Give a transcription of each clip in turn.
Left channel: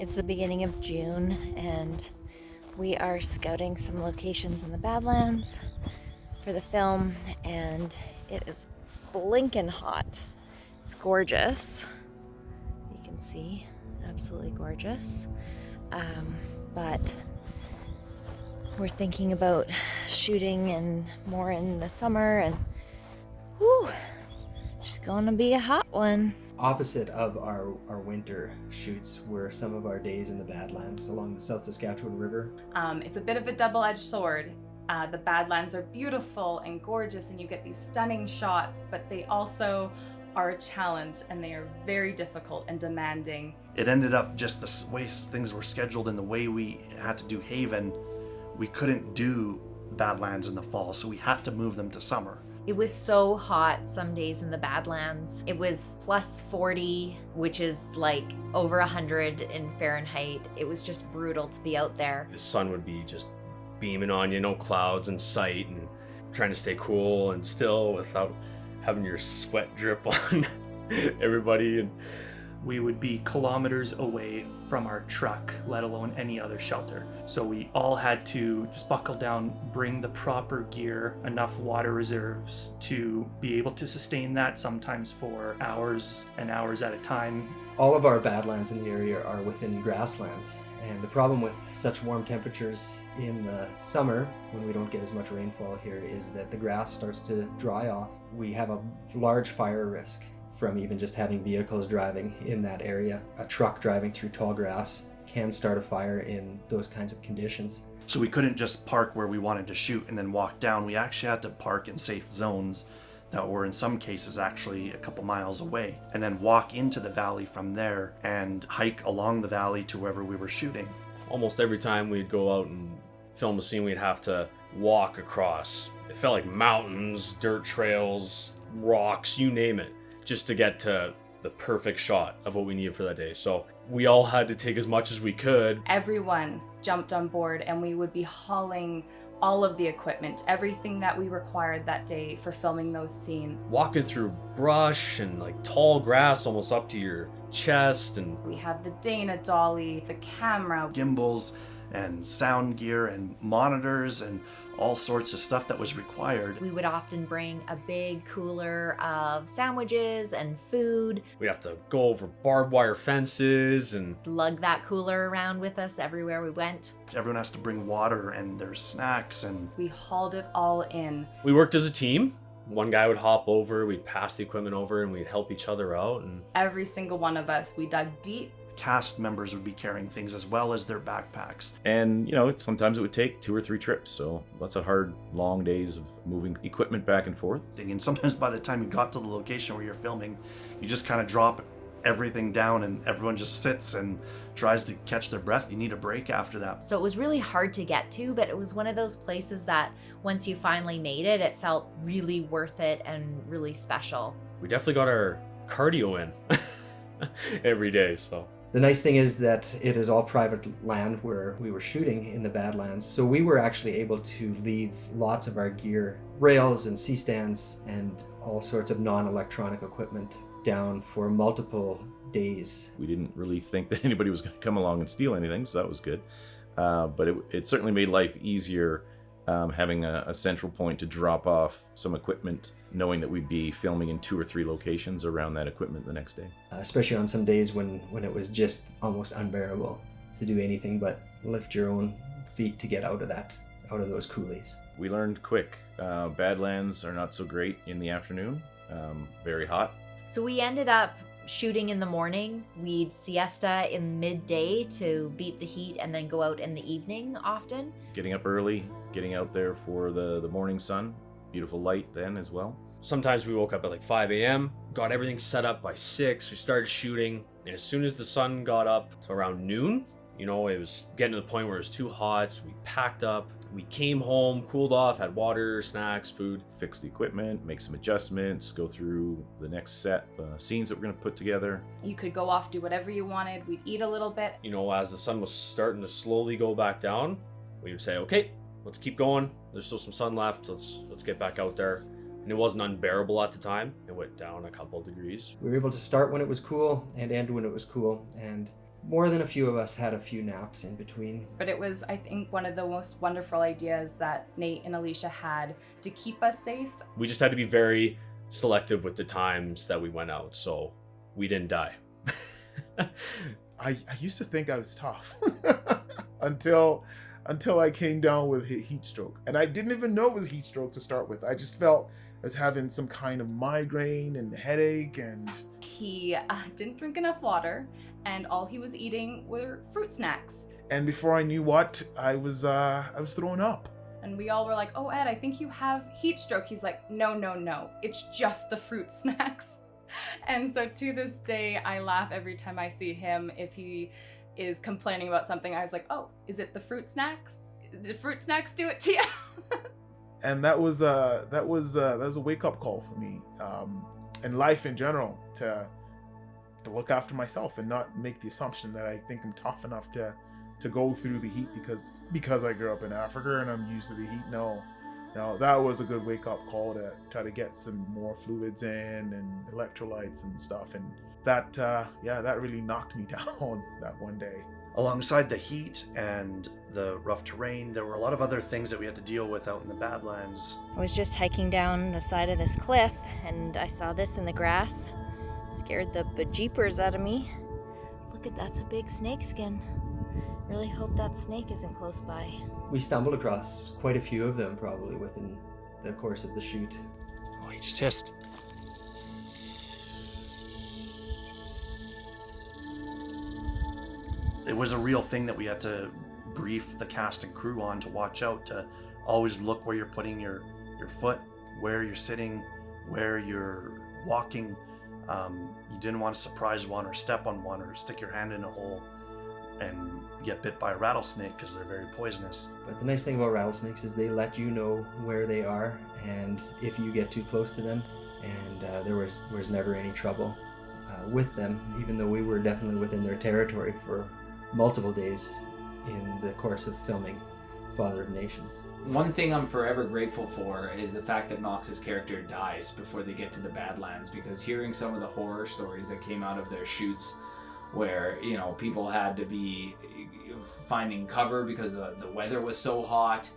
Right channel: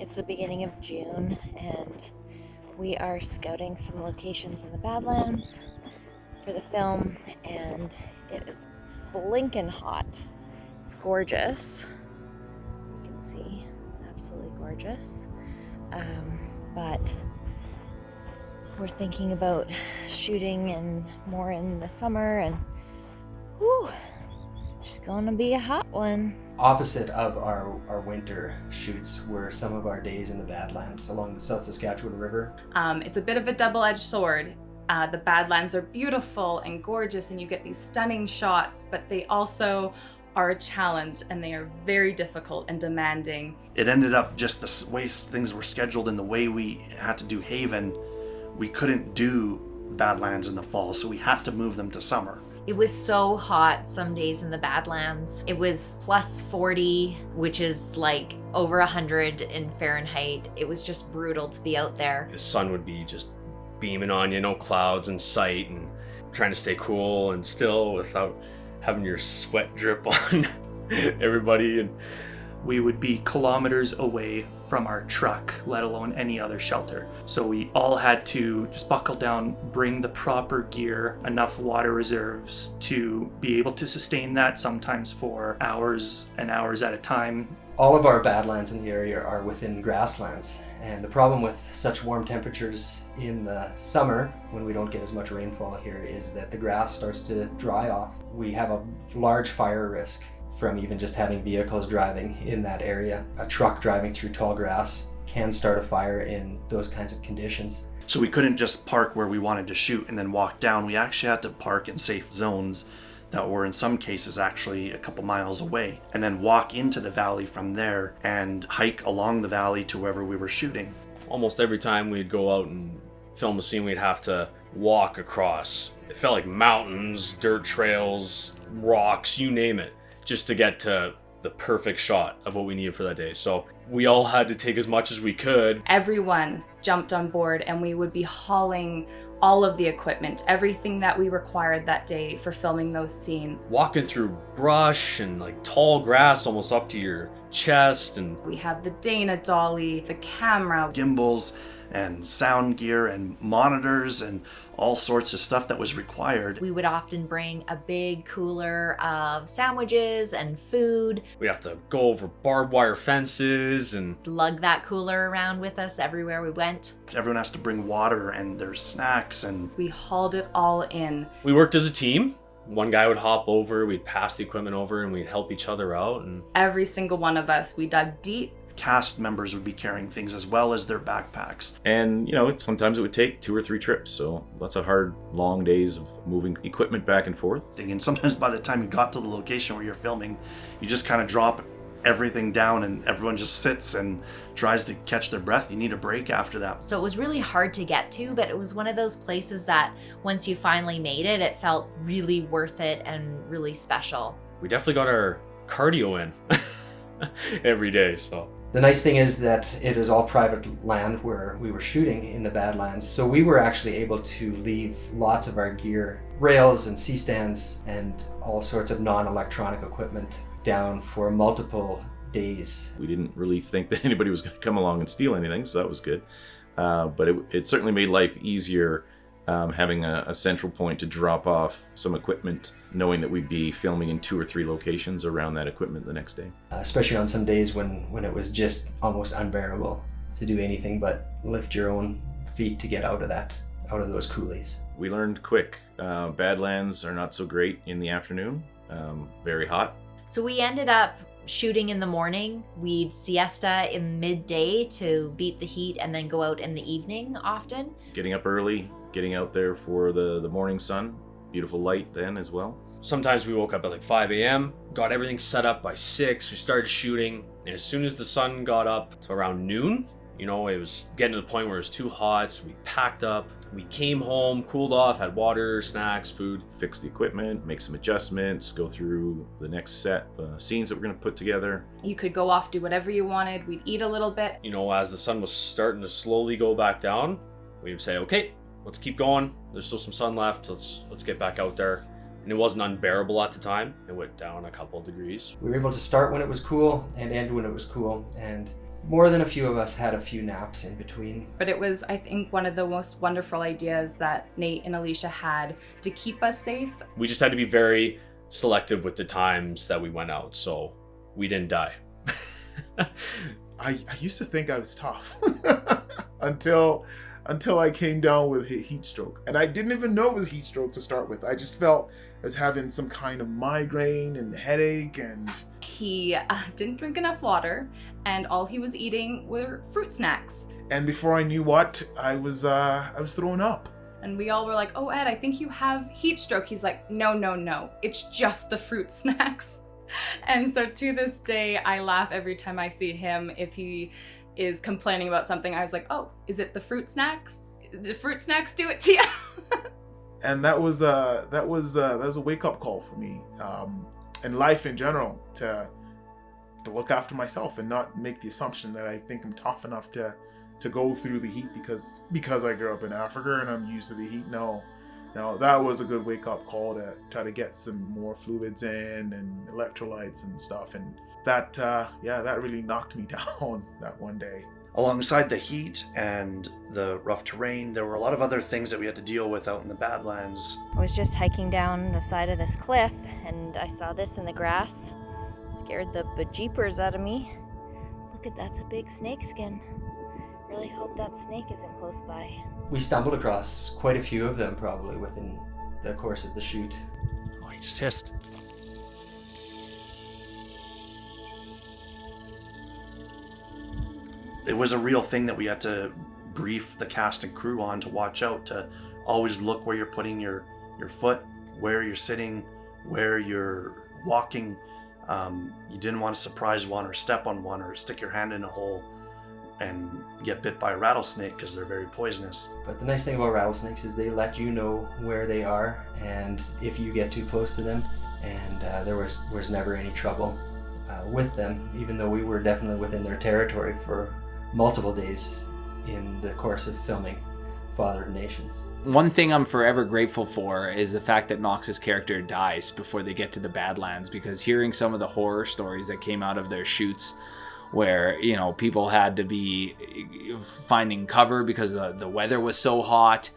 It's the beginning of June and we are scouting some locations in the Badlands for the film, and it is blinking hot. It's gorgeous. You can see, absolutely gorgeous. But we're thinking about shooting and more in the summer, and whew, it's gonna be a hot one. Opposite of our winter shoots were some of our days in the Badlands along the South Saskatchewan River. It's a bit of a double-edged sword. The Badlands are beautiful and gorgeous and you get these stunning shots, but they also are a challenge and they are very difficult and demanding. It ended up just the way things were scheduled and the way we had to do Haven, we couldn't do Badlands in the fall, so we had to move them to summer. It was so hot some days in the Badlands. It was plus 40, which is like over 100 in Fahrenheit. It was just brutal to be out there. The sun would be just beaming on you, no clouds in sight, and trying to stay cool and still without having your sweat drip on everybody. And we would be kilometers away from our truck, let alone any other shelter. So we all had to just buckle down, bring the proper gear, enough water reserves to be able to sustain that, sometimes for hours and hours at a time. All of our Badlands in the area are within grasslands, and the problem with such warm temperatures in the summer, when we don't get as much rainfall here, is that the grass starts to dry off. We have a large fire risk from even just having vehicles driving in that area. A truck driving through tall grass can start a fire in those kinds of conditions. So we couldn't just park where we wanted to shoot and then walk down. We actually had to park in safe zones that were in some cases actually a couple miles away, and then walk into the valley from there and hike along the valley to wherever we were shooting. almost every time we'd go out and film a scene, we'd have to walk across. It felt like mountains, dirt trails, rocks, you name it, just to get to the perfect shot of what we needed for that day. So we all had to take as much as we could. Everyone jumped on board and we would be hauling all of the equipment, everything that we required that day for filming those scenes. Walking through brush and like tall grass almost up to your chest. And we have the Dana dolly, the camera, gimbals and sound gear and monitors and all sorts of stuff that was required. We would often bring a big cooler of sandwiches and food. We'd have to go over barbed wire fences and lug that cooler around with us everywhere we went. Everyone has to bring water and their snacks, and we hauled it all in. We worked as a team. One guy would hop over, we'd pass the equipment over, and we'd help each other out. And every single one of us, we dug deep. Cast members would be carrying things as well as their backpacks. And, you know, sometimes it would take 2 or 3 trips. So lots of hard, long days of moving equipment back and forth. And sometimes by the time you got to the location where you're filming, you just kind of drop everything down and everyone just sits and tries to catch their breath. You need a break after that. So it was really hard to get to, but it was one of those places that once you finally made it, it felt really worth it and really special. We definitely got our cardio in every day, so. The nice thing is that it is all private land where we were shooting in the Badlands, so we were actually able to leave lots of our gear, rails and C-stands and all sorts of non-electronic equipment down for multiple days. We didn't really think that anybody was going to come along and steal anything, so that was good. But it certainly made life easier having a central point to drop off some equipment, knowing that we'd be filming in 2 or 3 locations around that equipment the next day. Especially on some days when it was just almost unbearable to do anything but lift your own feet to get out of those coulees. We learned quick. Badlands are not so great in the afternoon, very hot. So we ended up shooting in the morning. We'd siesta in midday to beat the heat and then go out in the evening often. Getting up early, getting out there for the morning sun. Beautiful light then as well. Sometimes we woke up at like 5 a.m., got everything set up by 6, we started shooting, and as soon as the sun got up to around noon, you know, it was getting to the point where it was too hot, so we packed up. We came home, cooled off, had water, snacks, food. Fix the equipment, make some adjustments, go through the next set scenes that we're going to put together. You could go off, do whatever you wanted. We'd eat a little bit. You know, as the sun was starting to slowly go back down, we'd say, okay, let's keep going. There's still some sun left. Let's get back out there. And it wasn't unbearable at the time. It went down a couple of degrees. We were able to start when it was cool and end when it was cool, and More than a few of us had a few naps in between. But it was, I think, one of the most wonderful ideas that Nate and Alicia had to keep us safe. We just had to be very selective with the times that we went out, so we didn't die. I used to think I was tough until I came down with heat stroke. And I didn't even know it was heat stroke to start with. I just felt I was having some kind of migraine and headache, and He didn't drink enough water, and all he was eating were fruit snacks. and before I knew what, I was throwing up. And we all were like, "Oh, Ed, I think you have heat stroke." He's like, no, it's just the fruit snacks. And so to this day, I laugh every time I see him. If he is complaining about something, I was like, "Oh, is it the fruit snacks? Did fruit snacks do it to you?" And that was a wake up call for me, and life in general, to look after myself and not make the assumption that I think I'm tough enough to go through the heat because I grew up in Africa and I'm used to the heat. No, that was a good wake up call to try to get some more fluids in and electrolytes and stuff, and that really knocked me down that one day. Alongside the heat and the rough terrain, there were a lot of other things that we had to deal with out in the Badlands. I was just hiking down the side of this cliff and I saw this in the grass. Scared the bejeepers out of me. Look at that's a big snake skin. Really hope that snake isn't close by. We stumbled across quite a few of them probably within the course of the shoot. Oh, he just hissed. It was a real thing that we had to brief the cast and crew on, to watch out, to always look where you're putting your foot, where you're sitting, where you're walking. You didn't want to surprise one or step on one or stick your hand in a hole and get bit by a rattlesnake, because they're very poisonous. But the nice thing about rattlesnakes is they let you know where they are and if you get too close to them, and there was never any trouble with them, even though we were definitely within their territory for multiple days in the course of filming Father of Nations. One thing I'm forever grateful for is the fact that Knox's character dies before they get to the Badlands, because hearing some of the horror stories that came out of their shoots where, people had to be finding cover because the weather was so hot,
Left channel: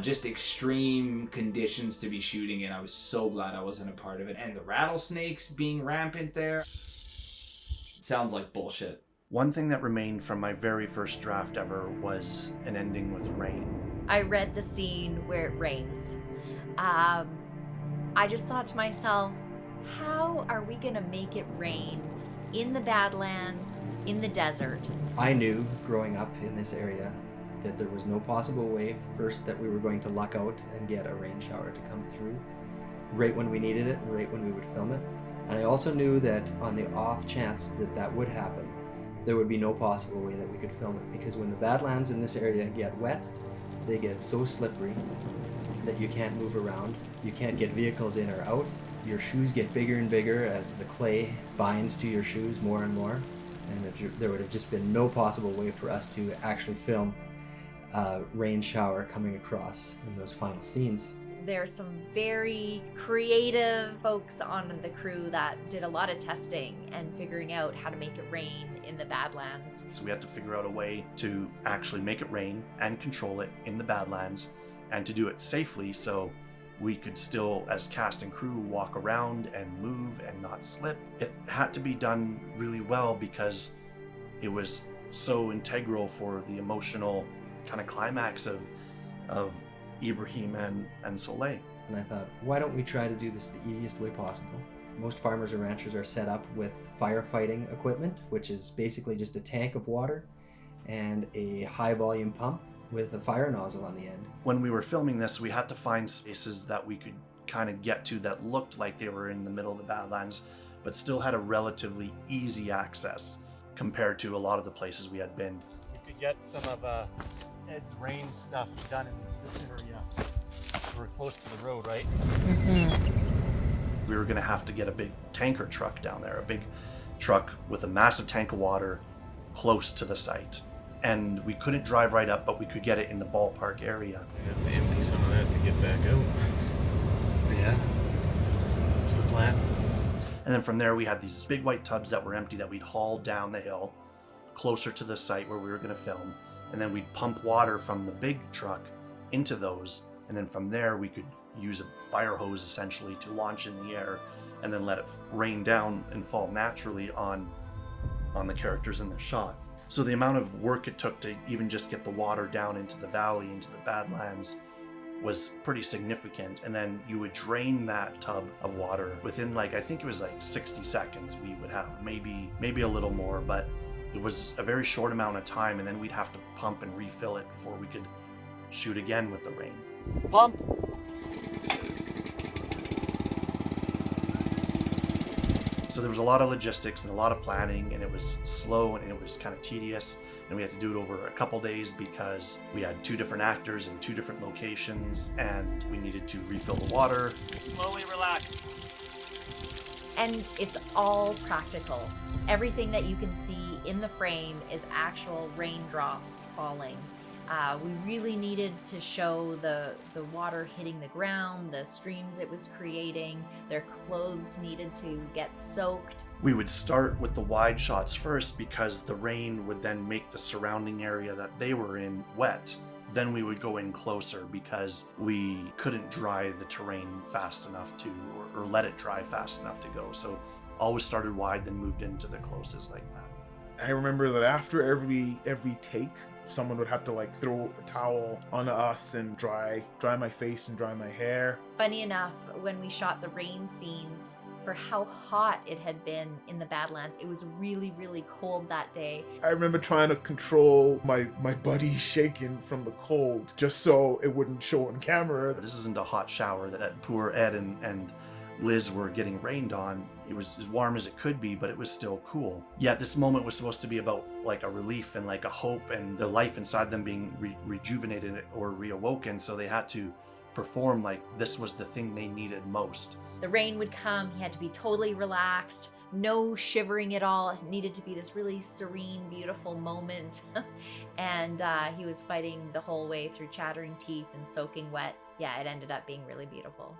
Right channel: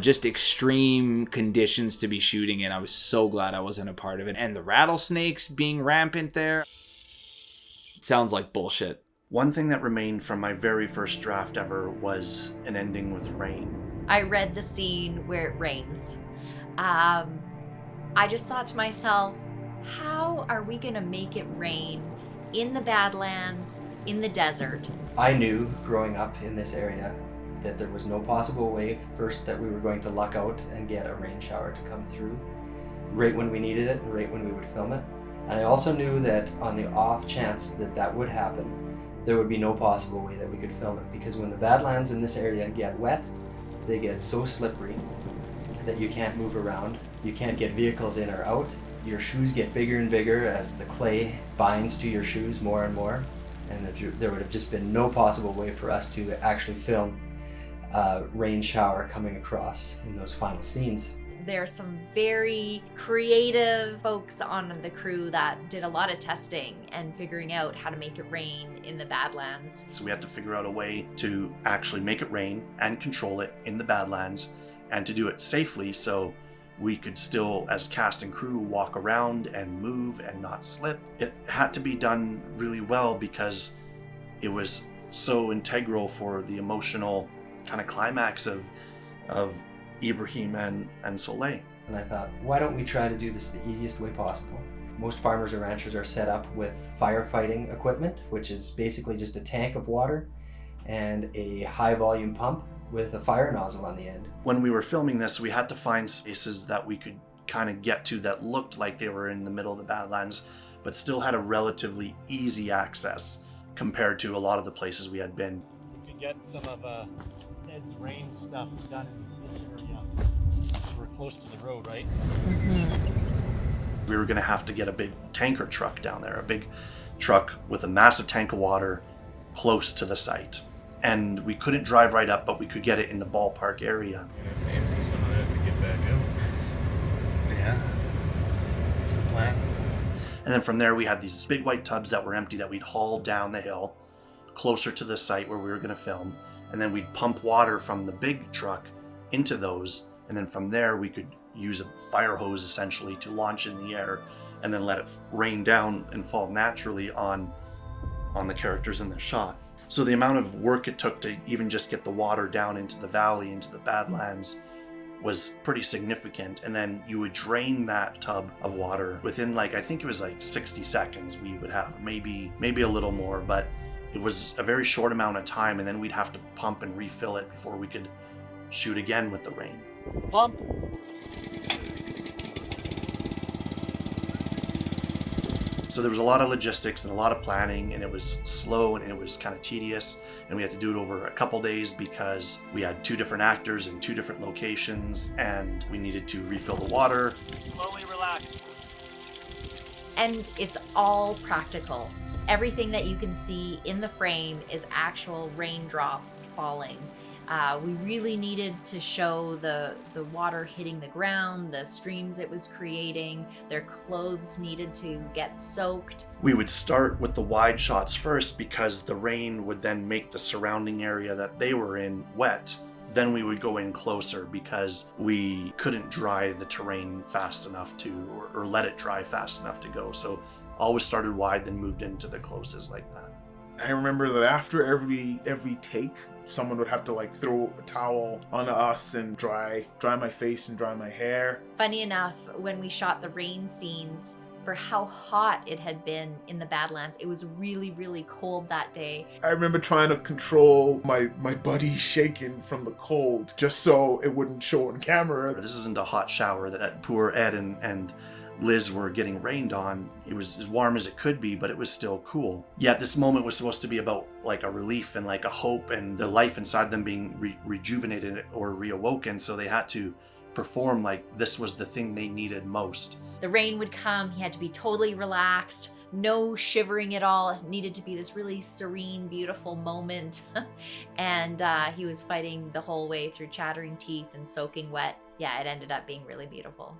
just extreme conditions to be shooting in. I was so glad I wasn't a part of it. And the rattlesnakes being rampant there sounds like bullshit. One thing that remained from my very first draft ever was an ending with rain. I read the scene where it rains. I just thought to myself, how are we gonna make it rain in the Badlands, in the desert? I knew growing up in this area that there was no possible way, first, that we were going to luck out and get a rain shower to come through right when we needed it, right when we would film it. And I also knew that on the off chance that would happen, there would be no possible way that we could film it, because when the Badlands in this area get wet, they get so slippery that you can't move around, you can't get vehicles in or out, your shoes get bigger and bigger as the clay binds to your shoes more and more, and there would have just been no possible way for us to actually film a rain shower coming across in those final scenes. There's some very creative folks on the crew that did a lot of testing and figuring out how to make it rain in the Badlands. So we had to figure out a way to actually make it rain and control it in the Badlands, and to do it safely so we could still, as cast and crew, walk around and move and not slip. It had to be done really well because it was so integral for the emotional kind of climax of Ibrahim and Soleil. And I thought, why don't we try to do this the easiest way possible? Most farmers and ranchers are set up with firefighting equipment, which is basically just a tank of water and a high volume pump with a fire nozzle on the end. When we were filming this, we had to find spaces that we could kind of get to that looked like they were in the middle of the Badlands, but still had a relatively easy access compared to a lot of the places we had been. You could get some of Ed's rain stuff done in this area. We're close to the road, right? We were going to have to get a big tanker truck down there, a big truck with a massive tank of water close to the site. And we couldn't drive right up, but we could get it in the ballpark area. We have to empty some of that to get back out. Yeah. That's the plan. And then from there, we had these big white tubs that were empty that we'd haul down the hill. closer to the site where we were going to film, and then we'd pump water from the big truck into those, and then from there we could use a fire hose essentially to launch in the air and then let it rain down and fall naturally on the characters in the shot. So the amount of work it took to even just get the water down into the valley, into the Badlands, was pretty significant. And then you would drain that tub of water within I think it was 60 seconds we would have, maybe a little more, but it was a very short amount of time, and then we'd have to pump and refill it before we could shoot again with the rain. Pump. So there was a lot of logistics and a lot of planning, and it was slow and it was kind of tedious, and we had to do it over a couple days because we had 2 different actors in 2 different locations, and we needed to refill the water. Slowly relax. And it's all practical. Everything that you can see in the frame is actual raindrops falling. We really needed to show the water hitting the ground, the streams it was creating. Their clothes needed to get soaked. We would start with the wide shots first because the rain would then make the surrounding area that they were in wet. Then we would go in closer because we couldn't dry the terrain fast enough to, or let it dry fast enough to go. So always started wide, then moved into the closest like that. I remember that after every take, someone would have to throw a towel onto us and dry my face and dry my hair. Funny enough, when we shot the rain scenes, for how hot it had been in the Badlands, it was really, really cold that day. I remember trying to control my body shaking from the cold just so it wouldn't show on camera. This isn't a hot shower that poor Ed and Liz were getting rained on. It was as warm as it could be, but it was still cool. Yet this moment was supposed to be about a relief and a hope and the life inside them being rejuvenated or reawoken. So they had to perform this was the thing they needed most. The rain would come, he had to be totally relaxed, no shivering at all. It needed to be this really serene, beautiful moment. And he was fighting the whole way through chattering teeth and soaking wet. Yeah, it ended up being really beautiful.